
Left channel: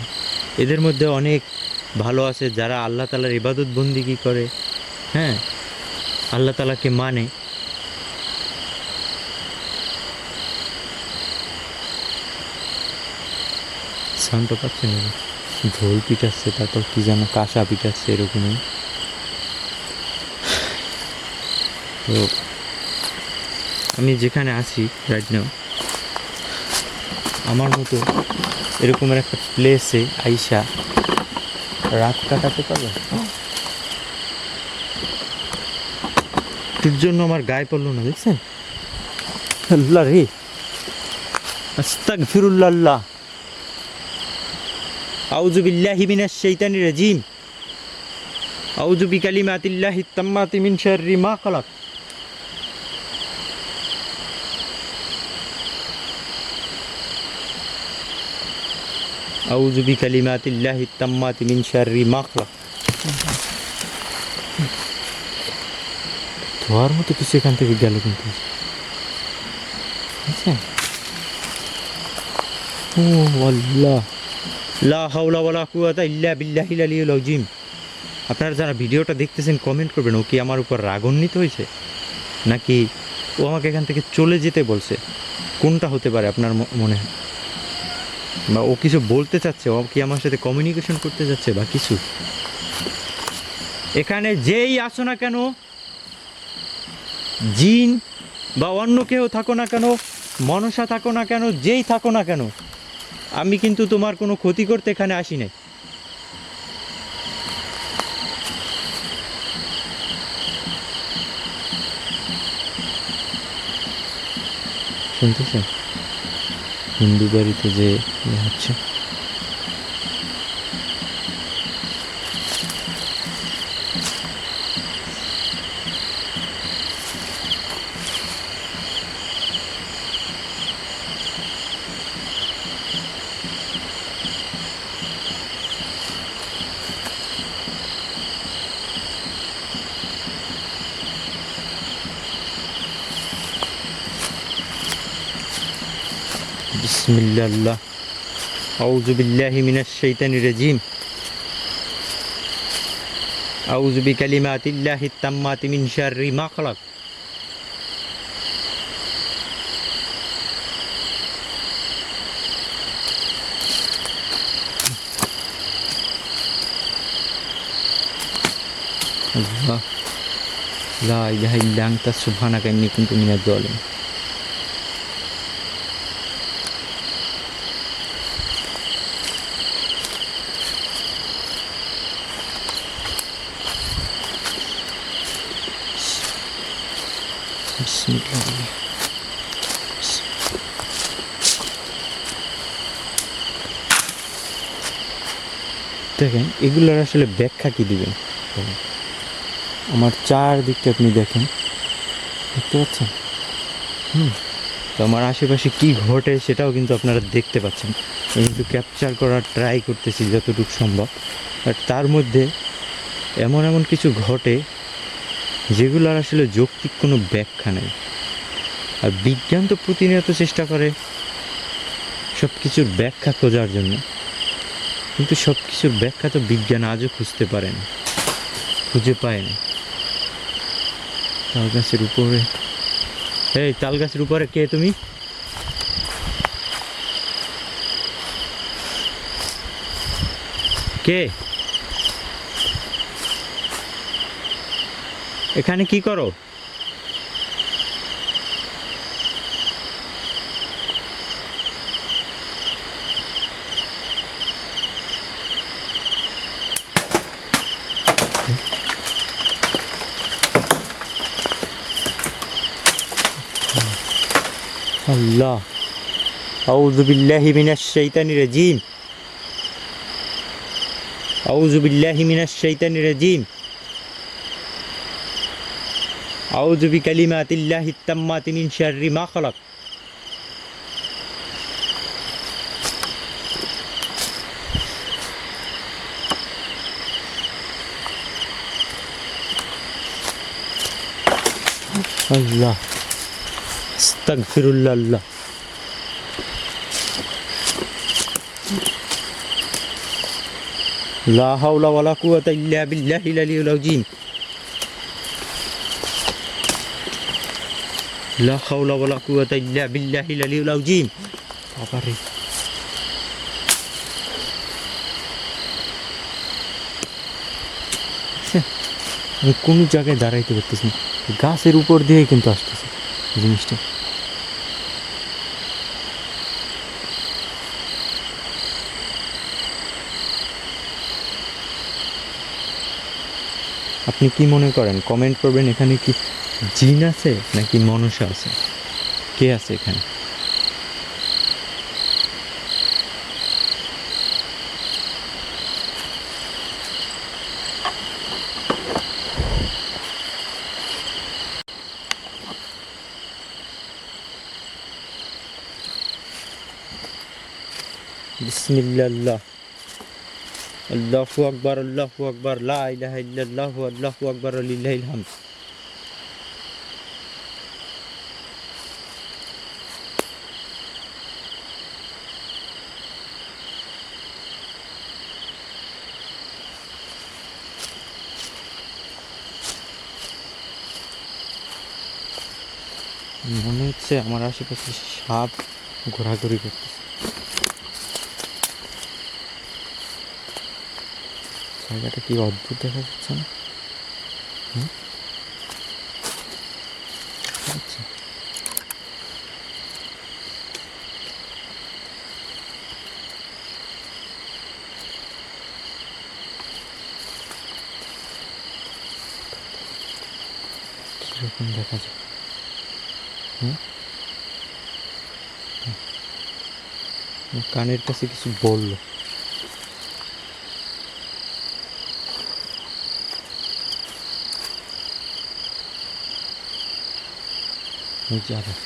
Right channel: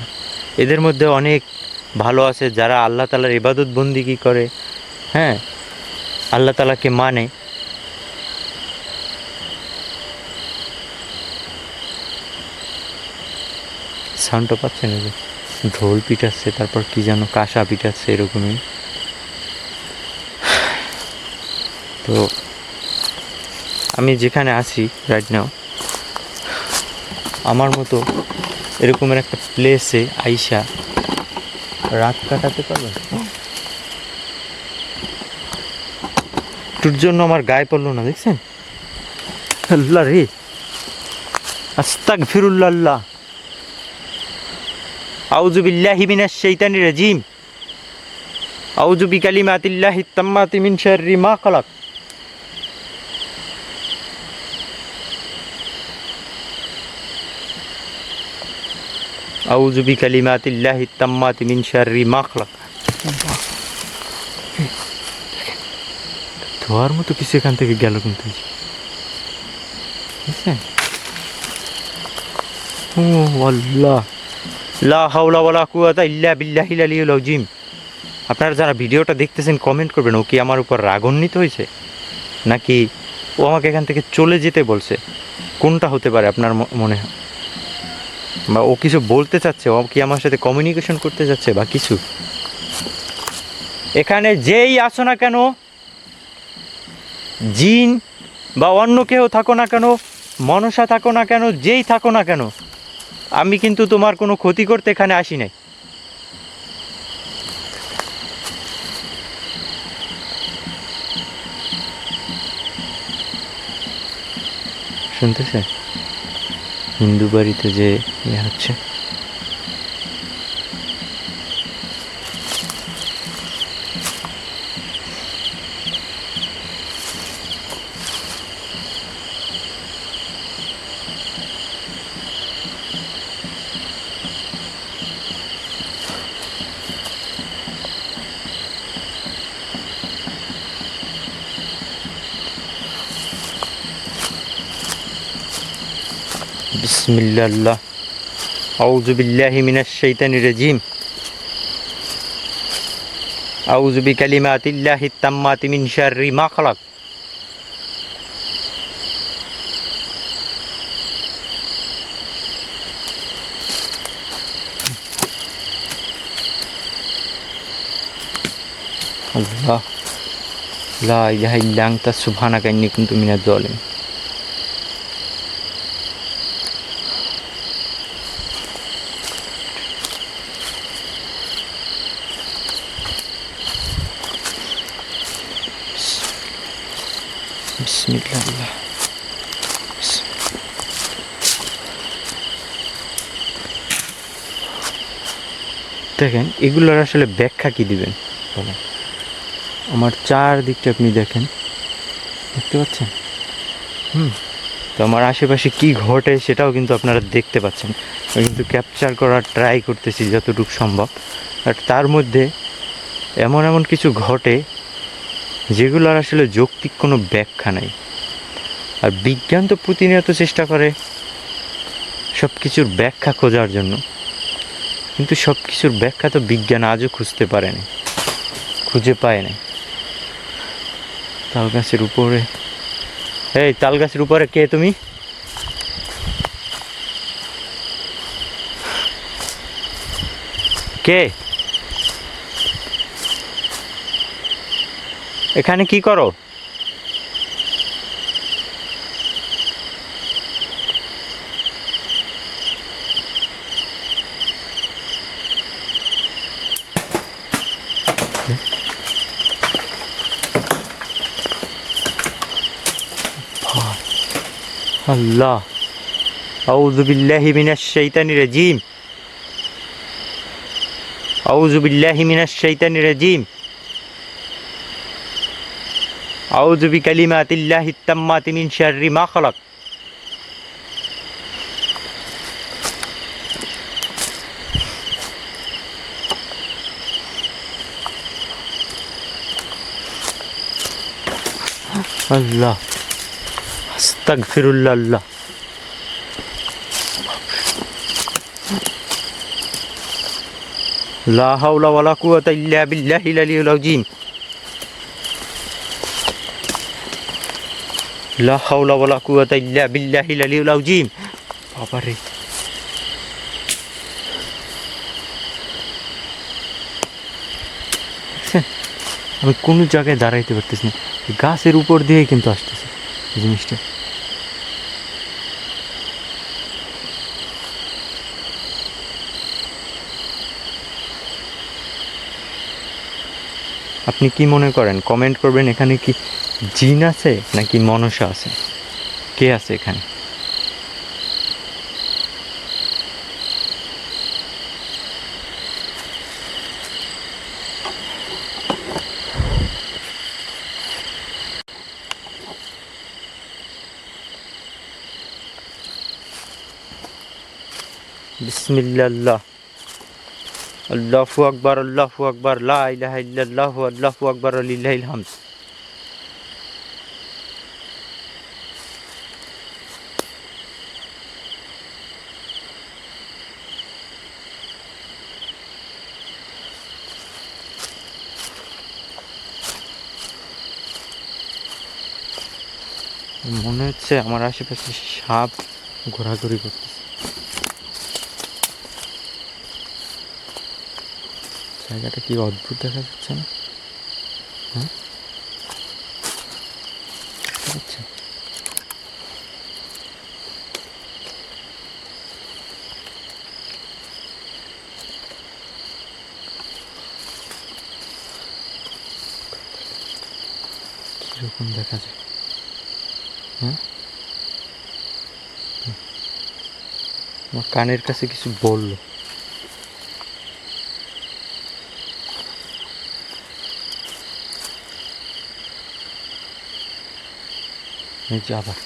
এদের মধ্যে অনেক ভালো আছে, যারা আল্লাহ তাআলার ইবাদত বন্দিগি করে, হ্যাঁ, আল্লাহ তাআলাকে মানে। সাউন্ডটা পাচ্ছেন? ঢোল পিটাচ্ছে, তারপর কি যেন কাঁসা পিটাচ্ছে, এরকমই। তো আমি যেখানে আছি রাইট নাও, আমার মতো এরকমের একটা প্লেসে আইসা রাত কাটাতে পারবেন? তোর জন্য আমার গায়ে পড়লো না, দেখছেন? আল্লাহ রে, আস্তাগফিরুল্লাহ। আউযু বিল্লাহি মিনাশ শাইতানির রাজিম। আউযু বিকালিমাতিল্লাহিত তাম্মাতি মিন শাররি মা খালাক। আউযু বিকালিমাতিল্লাহিত তাম্মাতি মিন শাররি মা খালাক। ধোয়ার মতো কিছু এখান থেকে গেল কিন্তু, বুঝছেন? ও আল্লাহ, লা হাওলা ওয়ালা কুওয়াতা ইল্লা বিল্লাহিল আলিয়্যিল আযীম। আপনারা যারা ভিডিওটা দেখতেছেন কমেন্ট করবেন, ও কি আমার উপর রাগান্বিত হয়েছে, নাকি ও আমাকে এখান থেকে চলে যেতে বলছে? কোনটা হতে পারে আপনার মনে হয়? বা ও কিছু বলতে চাচ্ছে, ও কি আমার সাথে কমিউনিকেশন করতে চাচ্ছে বা কিছু? এখানে যেই আছো না কেন, জিন বা অন্য কেউ থাকো না কেন, মনসা থাকো না কেন, যেই থাকো না কেন, আমি কিন্তু তোমার কোনো ক্ষতি করতে এখানে আসি নাই। শুনতেছেন হিন্দু বাড়িতে যে ইয়ে হচ্ছে? বিসমিল্লাহ, আউযু বিল্লাহি মিনাশ শাইতানির রাজিম, আউযু বিকালিমাতিল্লাহিত তাম্মাতি মিন শাররি মা খালাক। আল্লাহ, লা ইলাহা ইল্লা আনতা সুবহানাকা ইন্নী কুনতু মিনাজ জালিমিন। বিসমিল্লাহ। দেখেন এগুলোর আসলে ব্যাখ্যা কি দিবেন বলেন? আমার চারদিকটা আপনি দেখেন, দেখতে পাচ্ছেন? তো আমার আশেপাশে কি ঘটে সেটাও কিন্তু আপনারা দেখতে পাচ্ছেন। আমি কিন্তু ক্যাপচার করার ট্রাই করতেছি যতটুকু সম্ভব। আর তার মধ্যে এমন এমন কিছু ঘটে যেগুলোর আসলে যৌক্তিক কোনো ব্যাখ্যা নাই। আর বিজ্ঞান তো প্রতিনিয়ত চেষ্টা করে সব কিছুর ব্যাখ্যা খোঁজার জন্য, কিন্তু সব কিছুর ব্যাখ্যা তো বিজ্ঞান আজও খুঁজতে পারে না, খুঁজে পায় না। তাল গাছের উপরে, এই তাল গাছের উপরে কে তুমি? কে? এখানে কি করো? আল্লাহ, আউযু বিল্লাহি মিনাশ শাইতানির রাজিম, আউযু বিল্লাহি মিনাশ শাইতানির রাজিম, আউযু বিকালিমাতিল্লাহিত তাম্মাতি মিন শাররি মা খালাক। আল্লাহ, আস্তাগফিরুল্লাহ। আল্লাহ, লা হাওলা ওয়ালা কুওয়াতা ইল্লা বিল্লাহিল আলিয়্যিল আযীম, লা হাওলা ওয়ালা কুওয়াতা ইল্লা বিল্লাহিল আলিয়্যিল আযীম। বাবারে, আমি কোনো জায়গায় দাঁড়াইতে পারতেছি না, গাছের উপর দিয়ে কিন্তু আসতেছে জিনিসটা। আপনি কি মনে করেন? কমেন্ট করবেন। এখানে কি জিন আছে নাকি মনসা আছে? কে আছে এখানে? বিসমিল্লাহ, আল্লাহু আকবার, আল্লাহু আকবার, লা ইলাহা ইল্লাল্লাহু, আল্লাহু আকবার, লিল্লাহিল হামদ। মনে হচ্ছে আমার আশেপাশে সাপ ঘোরাঘুরি করতেছে। জায়গাটা কি অদ্ভুত দেখা যাচ্ছে না? হ্যাঁ, আচ্ছা, কিরকম দেখা যায়? হ্যাঁ, আমার কানের কাছে কিছু বললো। এই যে আবার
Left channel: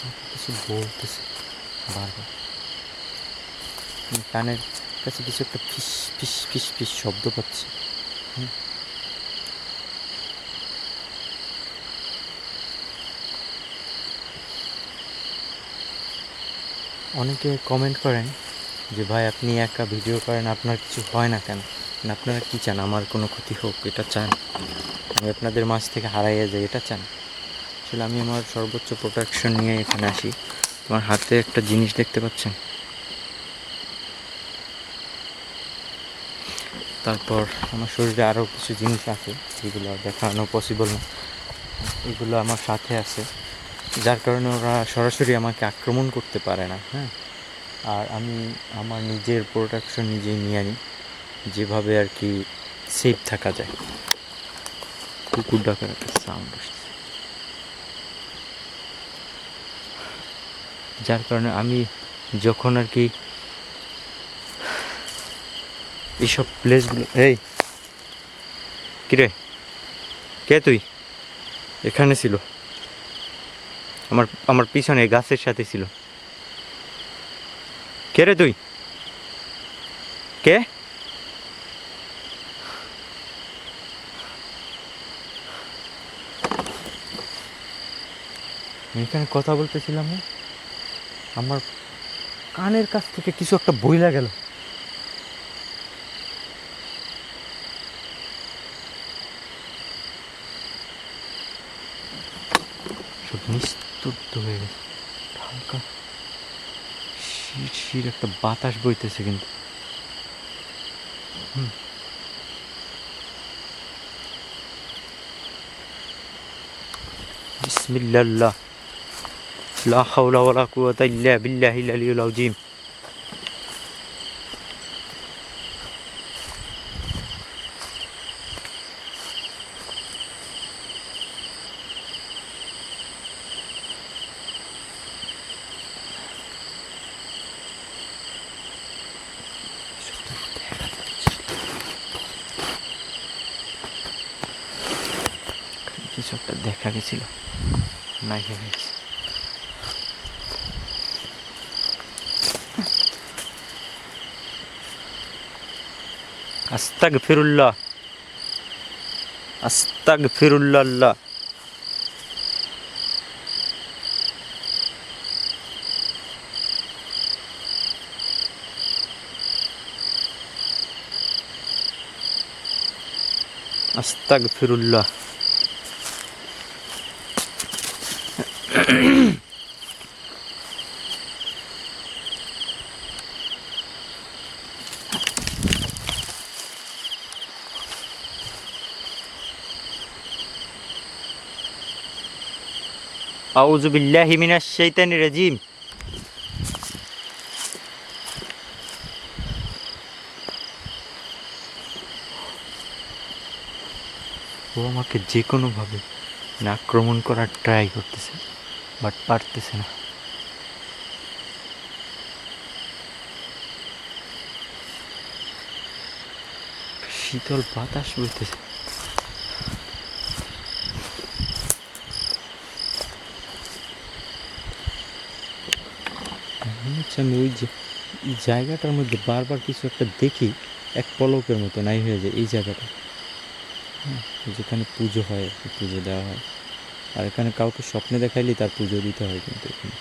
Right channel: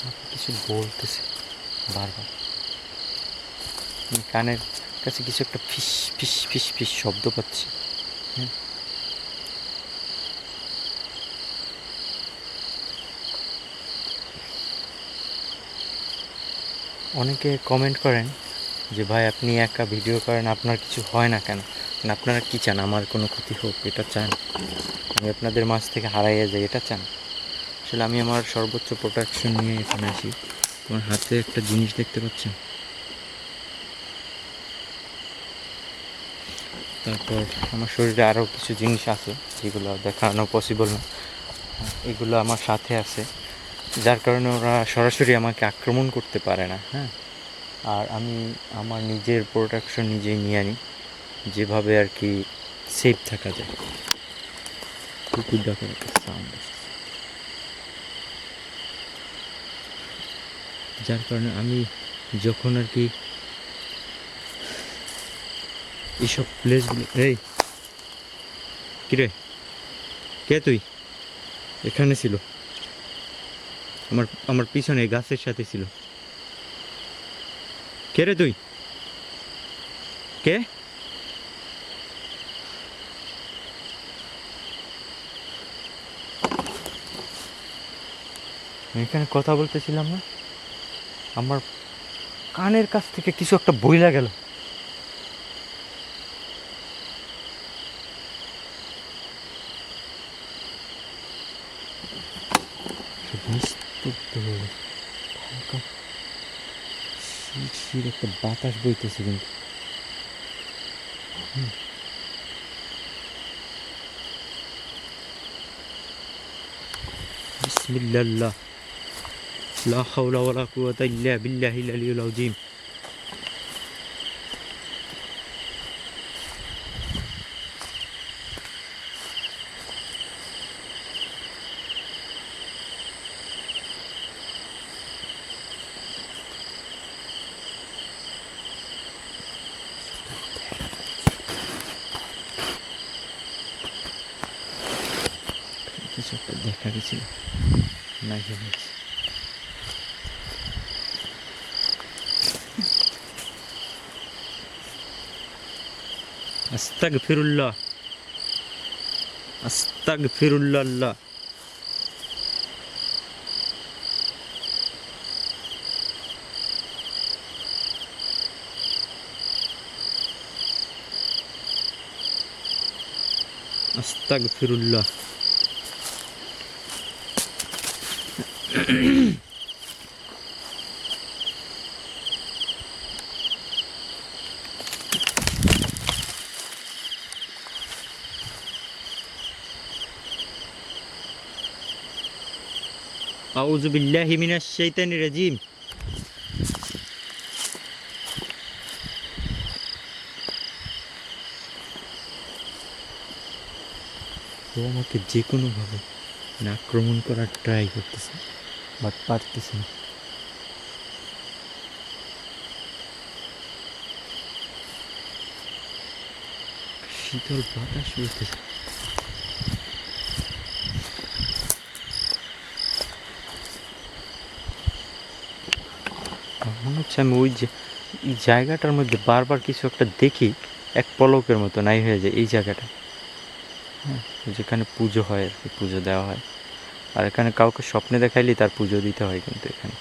আমাকে কিছু বলতেছে বারবার। আমি কানের কাছে কিছু একটা ফিস ফিস ফিস ফিস শব্দ পাচ্ছি। হ্যাঁ, অনেকে কমেন্ট করেন যে ভাই আপনি একা ভিডিও করেন, আপনার কিছু হয় না কেন? মানে আপনারা কি চান, আমার কোনো ক্ষতি হোক এটা চান? আমি আপনাদের মাঝ থেকে হারাইয়া যাই এটা চান? আসলে আমি আমার সর্বোচ্চ প্রোটেকশন নিয়ে এখানে আসি। আমার হাতে একটা জিনিস দেখতে পাচ্ছেন, তারপর আমার শরীরে আরও কিছু জিনিস আছে যেগুলো দেখানো পসিবল না, এগুলো আমার সাথে আছে, যার কারণে ওরা সরাসরি আমাকে আক্রমণ করতে পারে না। হ্যাঁ, আর আমি আমার নিজের প্রোটেকশন নিজেই নিয়ে আনি, যেভাবে আর কি সেফ থাকা যায়। কুকুর ডাকার একটা সাউন্ড আসছে, যার কারণে আমি যখন আর কি এইসব প্লেসগুলো, এই কিরে, কে তুই? এখানে ছিল, আমার আমার পিছনে গাছের সাথে ছিল। কে রে তুই? কে? আমি এখানে কথা বলতেছিলাম না, আমার কানের কাছ থেকে কিছু একটা বইলা গেল। নিস্তব্ধ হয়ে গেছে, হালকা শির শির একটা বাতাস বইতেছে কিন্তু। বিসমিল্লাহ, লা হাওলা ওয়ালা কুওয়াতা ইল্লা বিল্লাহিল আলিয়্যিল আযীম। কিছু একটা দেখা গেছিল, নাই হয়ে গেছে। আস্তাগফিরুল্লাহ, আস্তাগফিরুল্লাহ। আস্তাগফিরুল্লাহ। আউযু বিল্লাহি মিনাশ শাইতানির রাজিম। ও আমাকে যে কোনোভাবে আক্রমণ করার ট্রাই করতেছে, বাট পারতেছে না। শীতল বাতাস বইতেছে। মনে হচ্ছে আমি ওই যে এই জায়গাটার মধ্যে বারবার কিছু একটা দেখি, এক পলকের মতো নাই হয়ে যায় এই জায়গাটা। হ্যাঁ, যেখানে পুজো হয় আর কি, পুজো দেওয়া হয়। আর এখানে কাউকে স্বপ্নে দেখাইলেই তার পুজো দিতে হয়, কিন্তু এখানে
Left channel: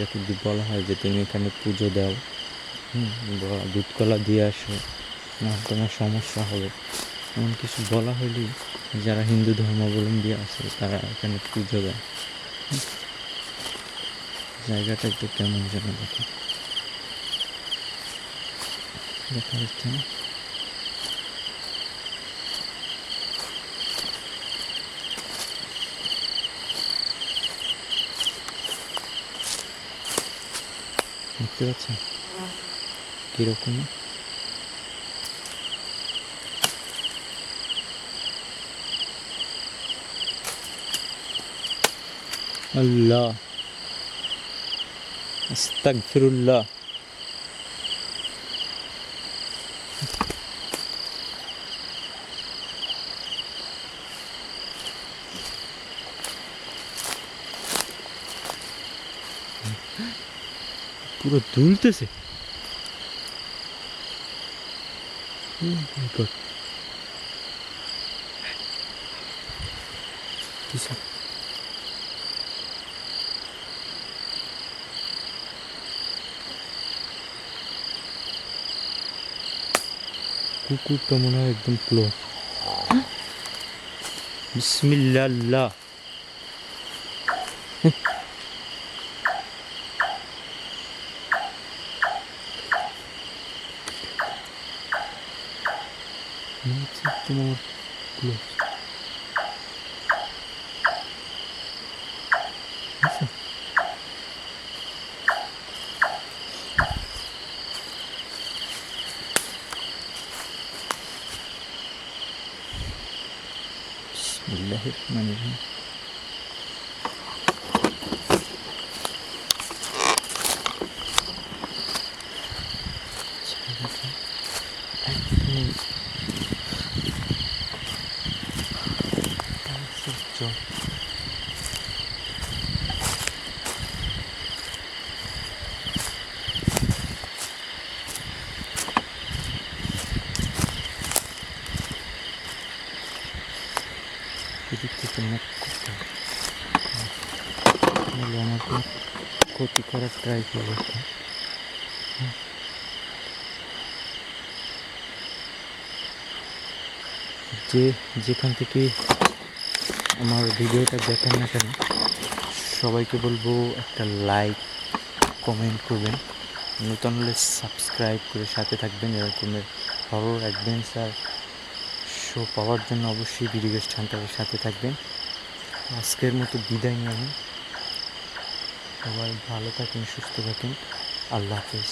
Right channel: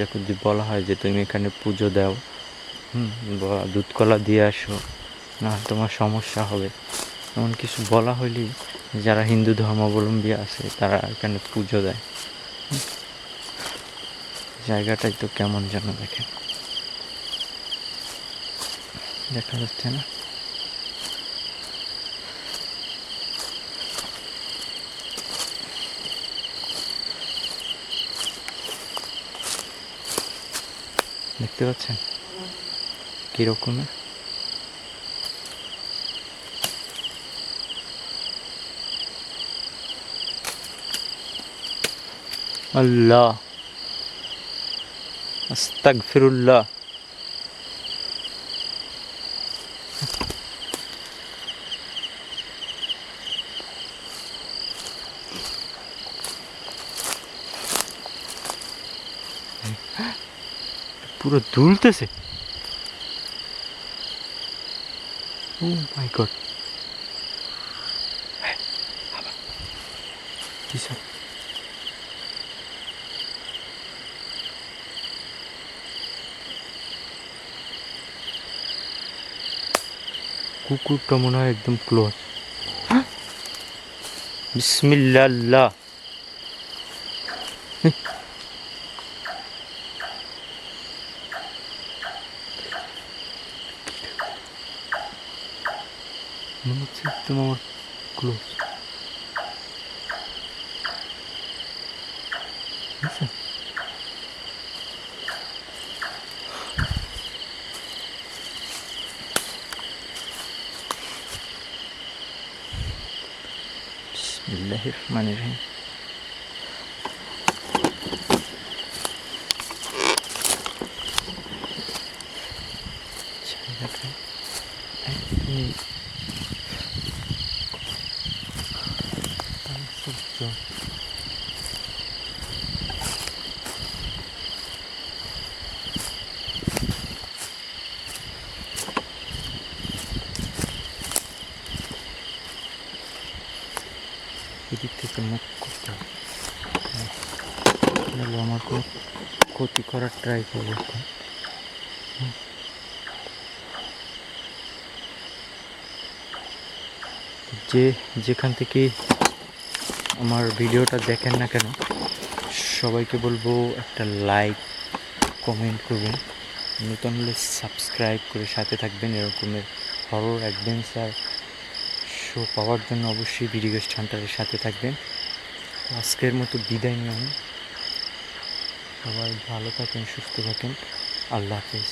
যখন যদি বলা হয় যে তুমি এখানে পুজো দাও, দুধ কলা দিয়ে আসো, না তোমার সমস্যা হবে, এমন কিছু বলা হইলেই যারা হিন্দু ধর্মাবলম্বী আছে তারা এখানে পুজো দেয়। জায়গাটাই তো কেমন যেন দেখে, দেখা যাচ্ছে না? দেখতে পাচ্ছেন কিরকম? আল্লাহ, আস্তাগফিরুল্লাহ। পুরো দুলতেছে। ও মাই গড, বিশাল। কুকুরটা মনে হয় একদম ক্লোজ। বিসমিল্লাহ। মনে হচ্ছে একদম আমার ক্লোজ। বিসমিল্লাহির রহমানির রহিম। জায়গাটা একদমই জল। এদিক থেকে মুখ করতে হবে, নাহলে আমার কোনো ক্ষতি করার ট্রাই করবো। যেখান থেকে আমার ভিডিওটা দেখেন না কেন, সবাইকে বলবো একটা লাইক কমেন্ট করবেন, নতুন হলে সাবস্ক্রাইব করে সাথে থাকবেন। এরকমের হরর অ্যাডভেঞ্চার শো পাওয়ার জন্য অবশ্যই বিডিগেস্ট হান্টারের সাথে থাকবেন। আজকের মতো বিদায় নিয়ে আমি, সবাই ভালো থাকেন, সুস্থ থাকেন। আল্লাহ হাফেজ।